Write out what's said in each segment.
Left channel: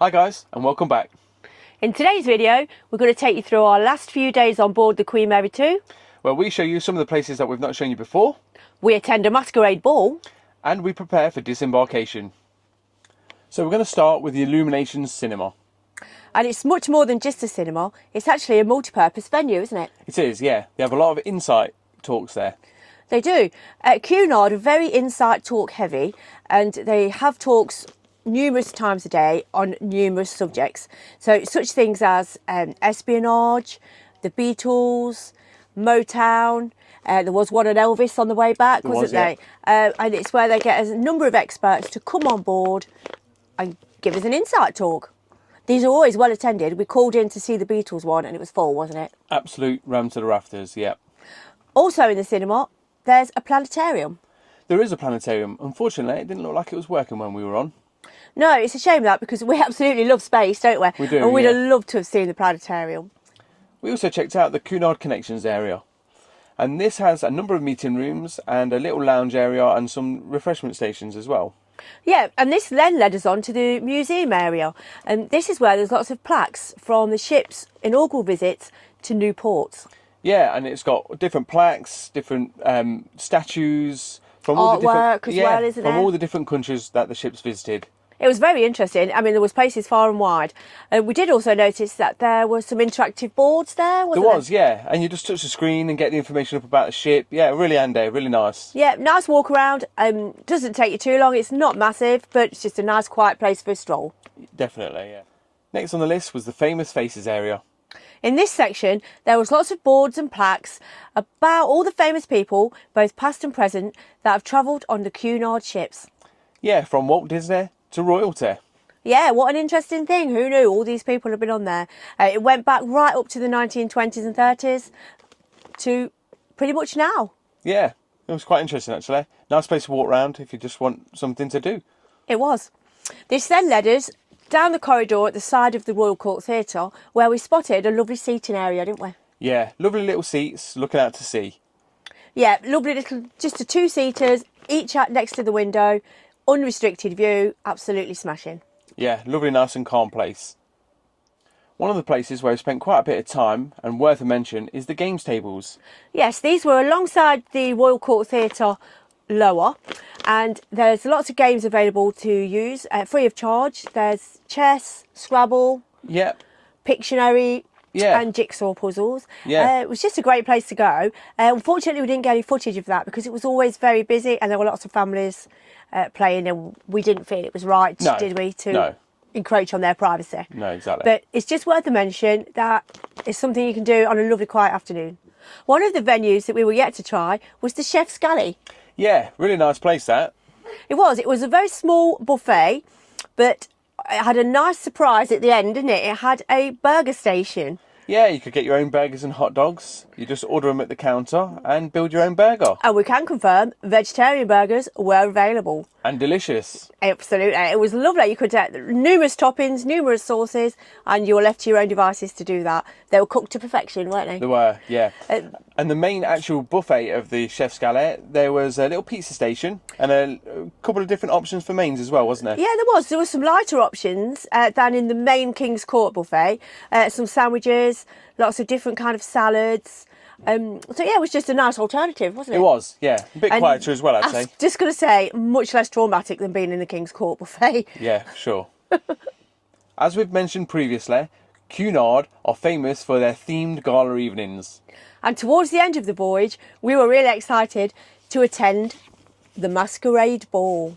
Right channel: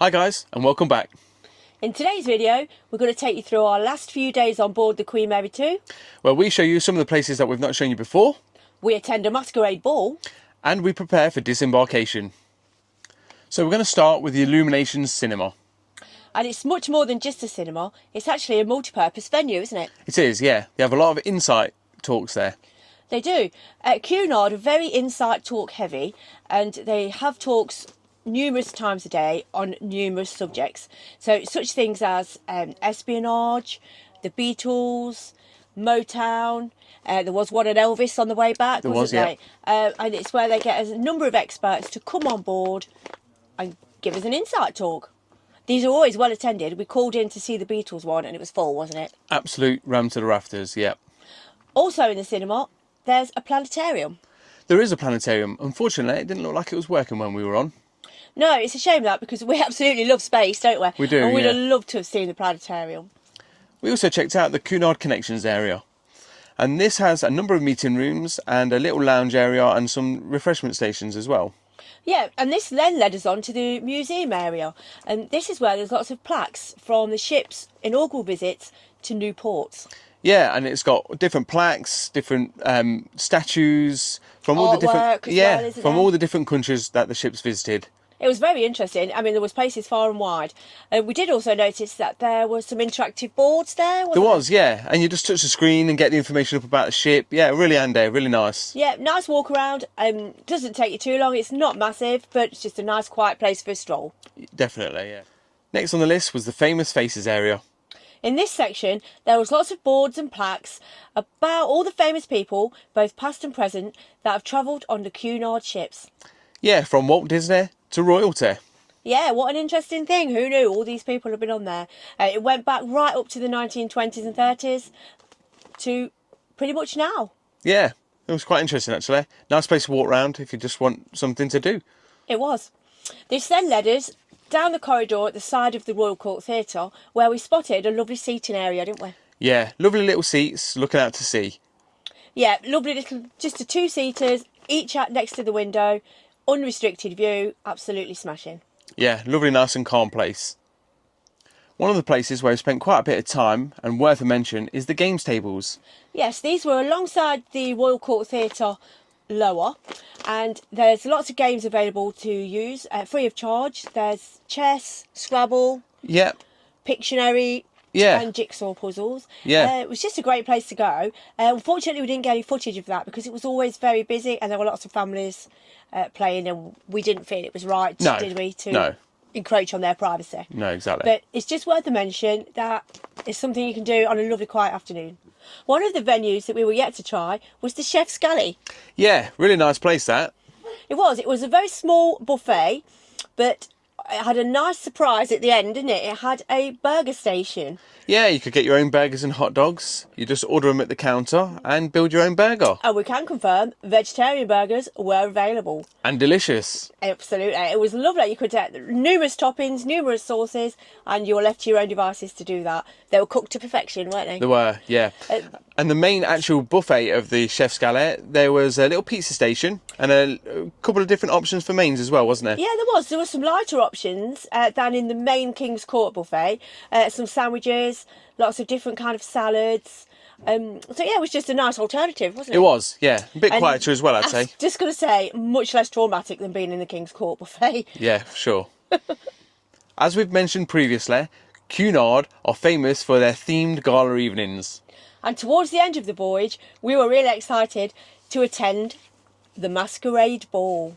Hi guys, and welcome back. In today's video, we're going to take you through our last few days on board the Queen Mary 2. Where we show you some of the places that we've not shown you before. We attend a masquerade ball. And we prepare for disembarkation. So we're going to start with the Illuminations Cinema. And it's much more than just a cinema. It's actually a multi-purpose venue, isn't it? It is, yeah. They have a lot of insight talks there. They do. Cunard are very insight talk heavy, and they have talks numerous times a day on numerous subjects. So such things as espionage, the Beatles, Motown. There was one on Elvis on the way back, wasn't there? And it's where they get a number of experts to come on board and give us an insight talk. These are always well attended. We called in to see the Beatles one and it was full, wasn't it? Absolute ram to the rafters, yeah. Also in the cinema, there's a planetarium. There is a planetarium. Unfortunately, it didn't look like it was working when we were on. No, it's a shame that, because we absolutely love space, don't we? We do, and we'd yeah. have loved to have seen the planetarium. We also checked out the Cunard Connections area. And this has a number of meeting rooms and a little lounge area and some refreshment stations as well. Yeah, and this then led us on to the museum area. And this is where there's lots of plaques from the ship's inaugural visits to new ports. Yeah, and it's got different plaques, different statues from all the different well, all the different countries that the ship's visited. It was very interesting. I mean, there was places far and wide. We did also notice that there were some interactive boards there, wasn't there? Was, yeah. And you just touch the screen and get the information up about the ship. Yeah, really handy, really nice. Yeah, nice walk around. Doesn't take you too long. It's not massive, but it's just a nice quiet place for a stroll. Definitely, yeah. Next on the list was the Famous Faces area. In this section, there was lots of boards and plaques about all the famous people, both past and present, that have travelled on the Cunard ships. Yeah, from Walt Disney to royalty. Yeah, what an interesting thing. Who knew all these people have been on there? It went back right up to the 1920s and 30s to pretty much now. Yeah, it was quite interesting actually. Nice place to walk around if you just want something to do. It was. This then led us down the corridor at the side of the Royal Court Theatre, where we spotted a lovely seating area, didn't we? Yeah, lovely little seats looking out to sea. Yeah, lovely little, just the two-seaters, each next to the window, unrestricted view, absolutely smashing. Yeah, lovely, nice and calm place. One of the places where we spent quite a bit of time, and worth a mention, is the games tables. Yes, these were alongside the Royal Court Theatre lower, and there's lots of games available to use free of charge. There's chess, Scrabble, Yep. Pictionary, Yeah. and jigsaw puzzles. Yeah. It was just a great place to go. Unfortunately, we didn't get any footage of that because it was always very busy and there were lots of families playing, and we didn't feel it was right, did we, to encroach on their privacy. No, exactly. But it's just worth a mention that it's something you can do on a lovely quiet afternoon. One of the venues that we were yet to try was the Chef's Galley. Yeah, really nice place that. It was a very small buffet, but it had a nice surprise at the end, didn't it? It had a burger station. Yeah, you could get your own burgers and hot dogs. You just order them at the counter and build your own burger. And we can confirm vegetarian burgers were available. And delicious. Absolutely. It was lovely. You could get numerous toppings, numerous sauces, and you were left to your own devices to do that. They were cooked to perfection, weren't they? They were, yeah. And the main actual buffet of the Chef's Galley, there was a little pizza station and a couple of different options for mains as well, wasn't there? Yeah, there was. There were some lighter options than in the main King's Court buffet. Some sandwiches, lots of different kind of salads. So yeah, it was just a nice alternative, wasn't it? It was, yeah. A bit quieter as well, I'd say. Just going to say, much less traumatic than being in the King's Court buffet. Yeah, for sure. As we've mentioned previously, Cunard are famous for their themed gala evenings. And towards the end of the voyage, we were really excited to attend the Masquerade Ball.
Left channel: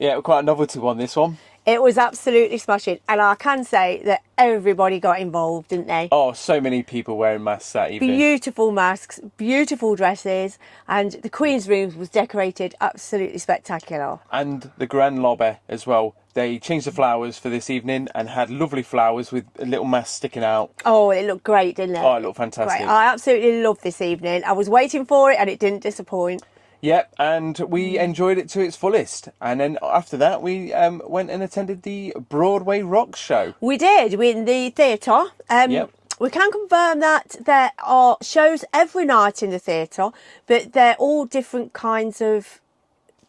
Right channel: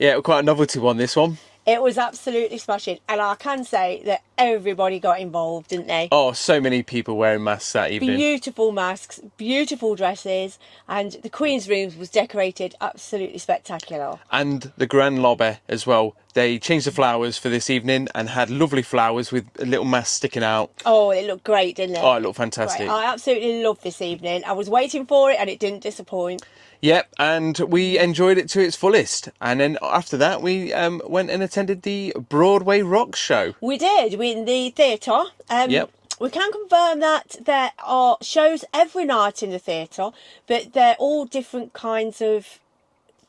Yeah, quite a novelty one, this one. It was absolutely smashing, and I can say that everybody got involved, didn't they? Oh, so many people wearing masks that evening. Beautiful masks, beautiful dresses, and the Queen's Rooms was decorated absolutely spectacular. And the grand lobby as well. They changed the flowers for this evening and had lovely flowers with a little mask sticking out. Oh, it looked great, didn't it? Oh, it looked fantastic. Great. I absolutely loved this evening. I was waiting for it and it didn't disappoint. Yep, and we enjoyed it to its fullest. And then after that, we went and attended the Broadway Rocks show. We did. We in the theatre. Yep. We can confirm that there are shows every night in the theatre, but they're all different kinds of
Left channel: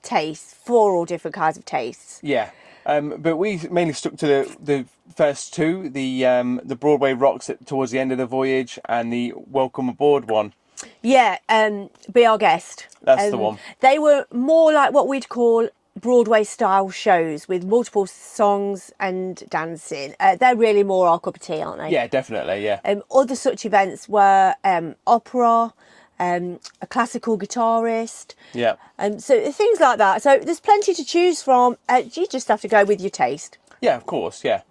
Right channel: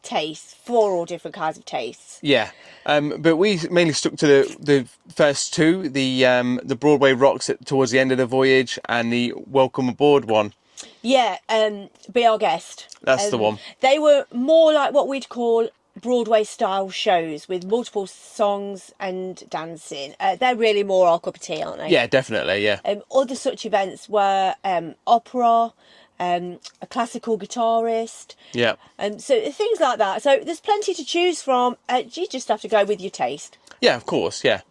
tastes, for all different kinds of tastes. Yeah. But we mainly stuck to the first two, the Broadway Rocks towards the end of the voyage and the Welcome Aboard one. Yeah, Be Our Guest. That's the one. They were more like what we'd call Broadway style shows with multiple songs and dancing. They're really more our cup of tea, aren't they? Yeah, definitely, yeah. Other such events were opera, a classical guitarist. Yeah. So things like that. So there's plenty to choose from. You just have to go with your taste. Yeah, of course, yeah.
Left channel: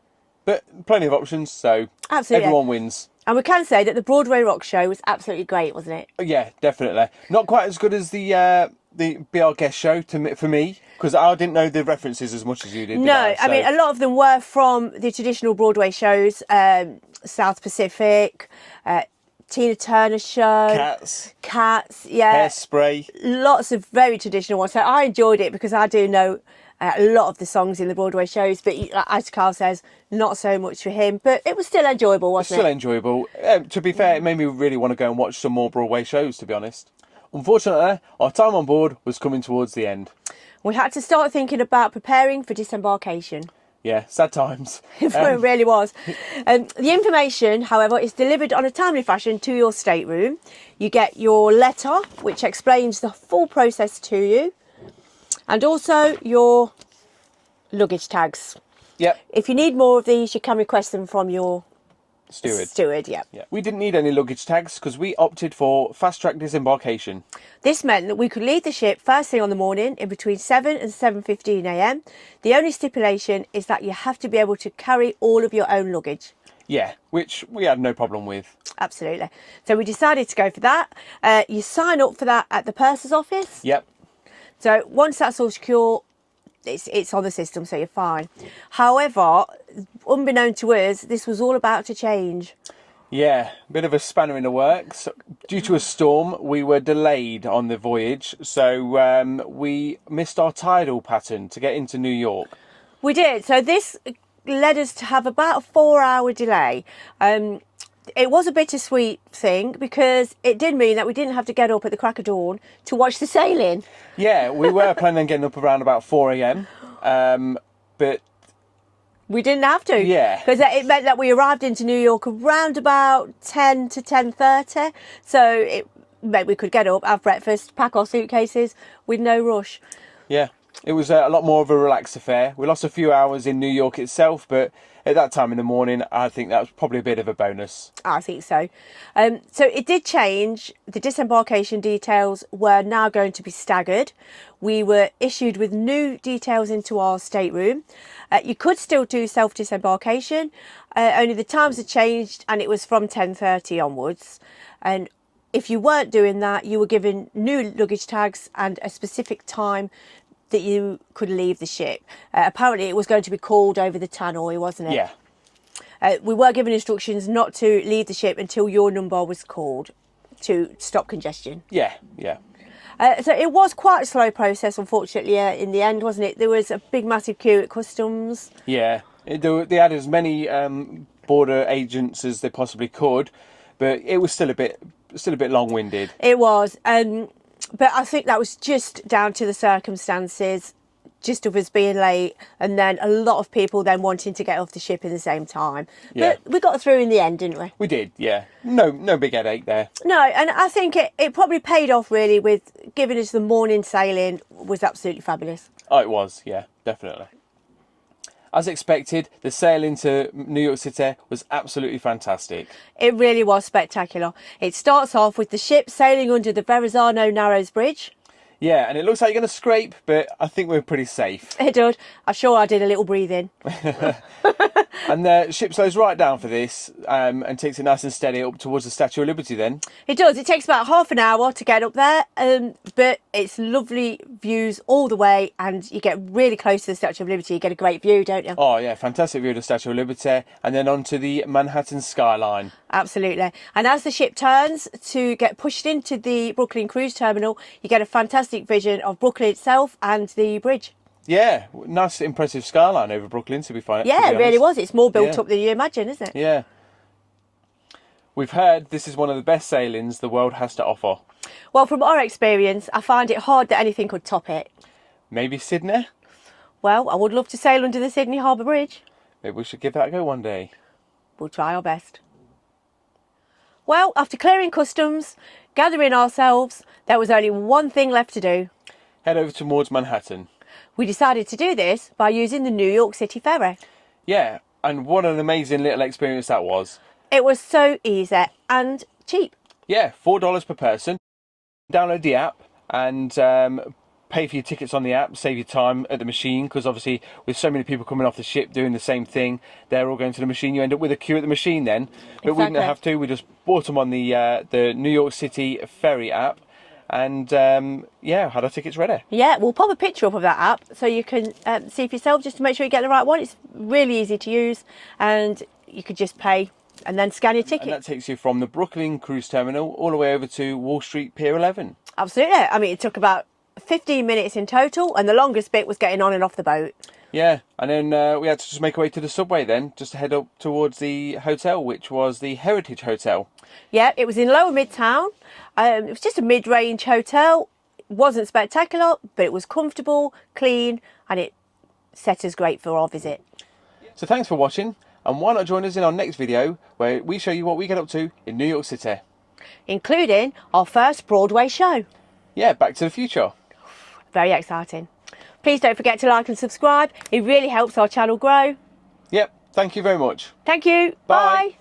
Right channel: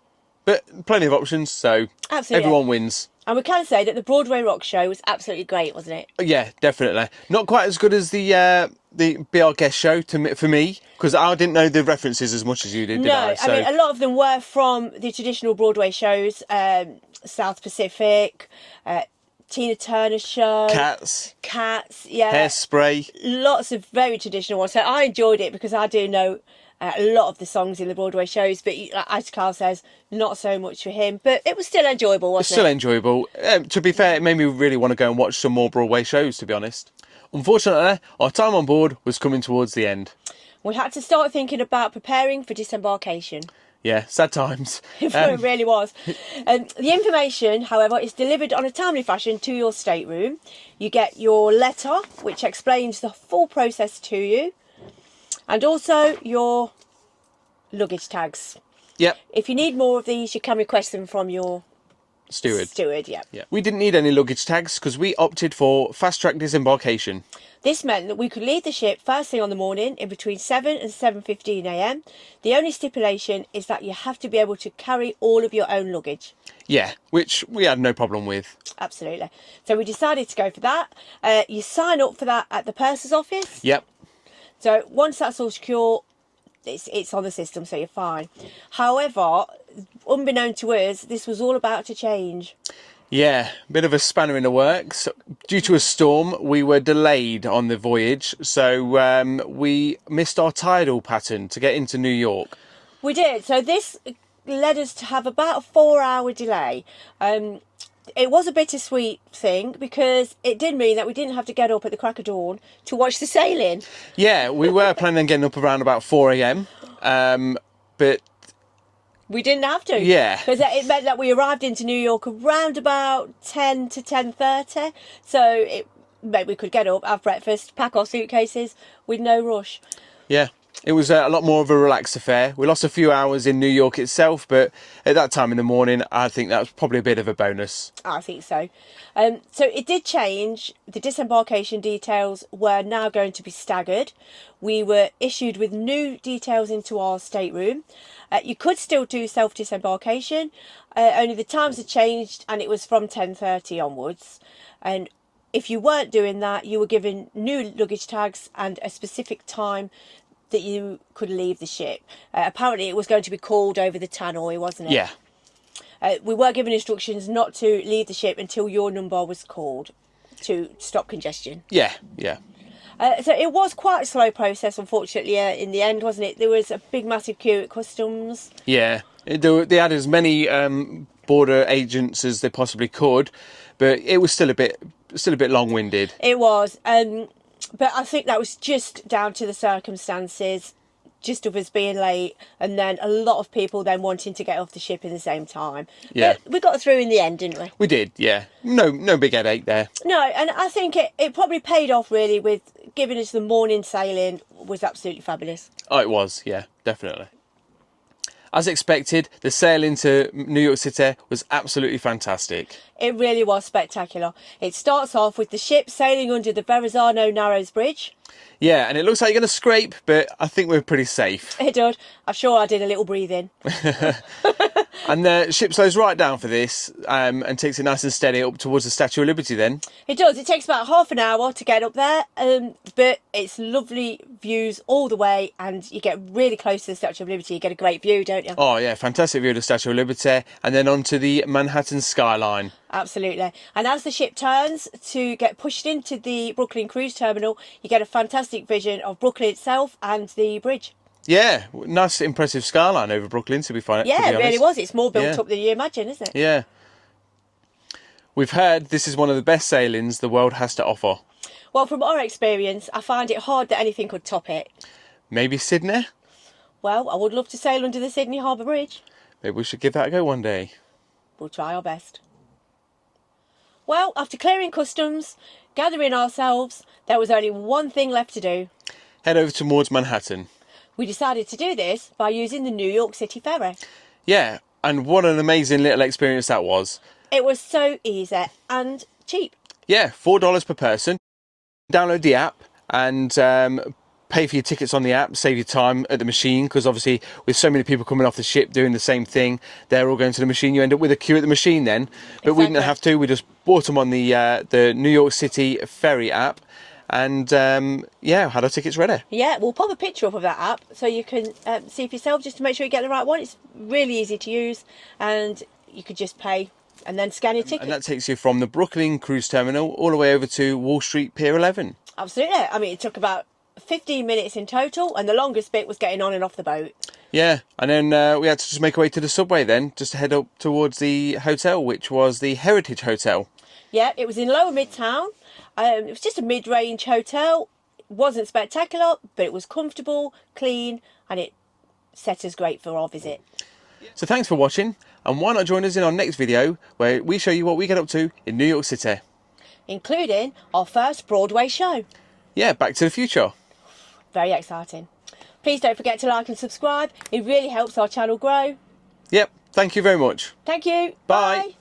But plenty of options, so Absolutely. everyone wins. And we can say that the Broadway Rock show was absolutely great, wasn't it? Yeah, definitely. Not quite as good as the Be Our Guest show for me, because I didn't know the references as much as you did. No, I mean, a lot of them were from the traditional Broadway shows, South Pacific, Tina Turner show. Cats, yeah. Hairspray. Lots of very traditional ones. So I enjoyed it because I do know a lot of the songs in the Broadway shows, but as Carl says, not so much for him. But it was still enjoyable, wasn't it? Still enjoyable. To be fair, it made me really want to go and watch some more Broadway shows, to be honest. Unfortunately, our time on board was coming towards the end. We had to start thinking about preparing for disembarkation. Yeah, sad times. It really was. The information, however, is delivered on a timely fashion to your stateroom. You get your letter, which explains the full process to you, and also your luggage tags. Yep. If you need more of these, you can request them from your steward, yeah. We didn't need any luggage tags because we opted for fast-track disembarkation. This meant that we could leave the ship first thing on the morning in between 7 and 7:15 a.m. The only stipulation is that you have to be able to carry all of your own luggage. Yeah, which we had no problem with. Absolutely. So we decided to go for that. You sign up for that at the purser's office. Yep. So once that's all secure, it's on the system, so you're fine. However, unbeknown to us, this was all about to change. Yeah, bit of a spanner in the works. Due to a storm, we were delayed on the voyage, so we missed our tidal pattern to get into New York. We did. So this led us to have about a 4-hour delay. It was a bittersweet thing because it did mean that we didn't have to get up at the crack of dawn to watch the sailing. Yeah, we were planning on getting up around about 4 a.m, but we didn't have to. Yeah. Because it meant that we arrived into New York around about 10 to 10:30. So it meant we could get up, have breakfast, pack our suitcases with no rush. Yeah. It was a lot more of a relaxed affair. We lost a few hours in New York itself, but at that time in the morning, I think that was probably a bit of a bonus. I think so. So it did change. The disembarkation details were now going to be staggered. We were issued with new details into our stateroom. You could still do self-disembarkation, only the times had changed and it was from 10:30 onwards. And if you weren't doing that, you were given new luggage tags and a specific time that you could leave the ship. Apparently it was going to be called over the tannoy, wasn't it? Yeah. We were given instructions not to leave the ship until your number was called to stop congestion. Yeah. So it was quite a slow process, unfortunately, in the end, wasn't it? There was a big, massive queue at customs. Yeah. They had as many border agents as they possibly could, but it was still a bit long-winded. It was. But I think that was just down to the circumstances, just of us being late, and then a lot of people then wanting to get off the ship at the same time. Yeah. But we got through in the end, didn't we? We did, yeah. No big headache there. No, and I think it probably paid off, really, with giving us the morning sailing was absolutely fabulous. Oh, it was, yeah, definitely. As expected, the sail into New York City was absolutely fantastic. It really was spectacular. It starts off with the ship sailing under the Verrazano Narrows Bridge. Yeah, and it looks like you're going to scrape, but I think we're pretty safe. It did. I'm sure I did a little breathing. And the ship slows right down for this and takes it nice and steady up towards the Statue of Liberty then. It does. It takes about half an hour to get up there, but it's lovely views all the way, and you get really close to the Statue of Liberty. You get a great view, don't you? Oh, yeah, fantastic view of the Statue of Liberty, and then onto the Manhattan skyline. Absolutely. And as the ship turns to get pushed into the Brooklyn Cruise Terminal, you get a fantastic vision of Brooklyn itself and the bridge. Yeah, nice, impressive skyline over Brooklyn, to be honest. Yeah, it really was. It's more built up than you imagine, isn't it? Yeah. We've heard this is one of the best sailings the world has to offer. Well, from our experience, I find it hard that anything could top it. Maybe Sydney? Well, I would love to sail under the Sydney Harbour Bridge. Maybe we should give that a go one day. We'll try our best. Well, after clearing customs, gathering ourselves, there was only one thing left to do. Head over towards Manhattan. We decided to do this by using the New York City ferry. Yeah, and what an amazing little experience that was. It was so easy and cheap. Yeah, $4 per person. Download the app and pay for your tickets on the app, save your time at the machine, because obviously with so many people coming off the ship doing the same thing, they're all going to the machine. You end up with a queue at the machine then. But we didn't have to. We just bought them on the New York City ferry app and, had our tickets ready. Yeah, we'll pop a picture up of that app so you can see for yourself just to make sure you get the right one. It's really easy to use and you could just pay and then scan your ticket. And that takes you from the Brooklyn Cruise Terminal all the way over to Wall Street Pier 11. Absolutely. I mean, it took about 15 minutes in total, and the longest bit was getting on and off the boat. Yeah, and then we had to just make our way to the subway then, just to head up towards the hotel, which was the Heritage Hotel. Yeah, it was in Lower Midtown. It was just a mid-range hotel. It wasn't spectacular, but it was comfortable, clean, and it set us great for our visit. So thanks for watching, and why not join us in our next video where we show you what we get up to in New York City. Including our first Broadway show. Yeah, Back to the Future. Very exciting. Please don't forget to like and subscribe. It really helps our channel grow. Yep, thank you very much. Thank you. Bye. Bye.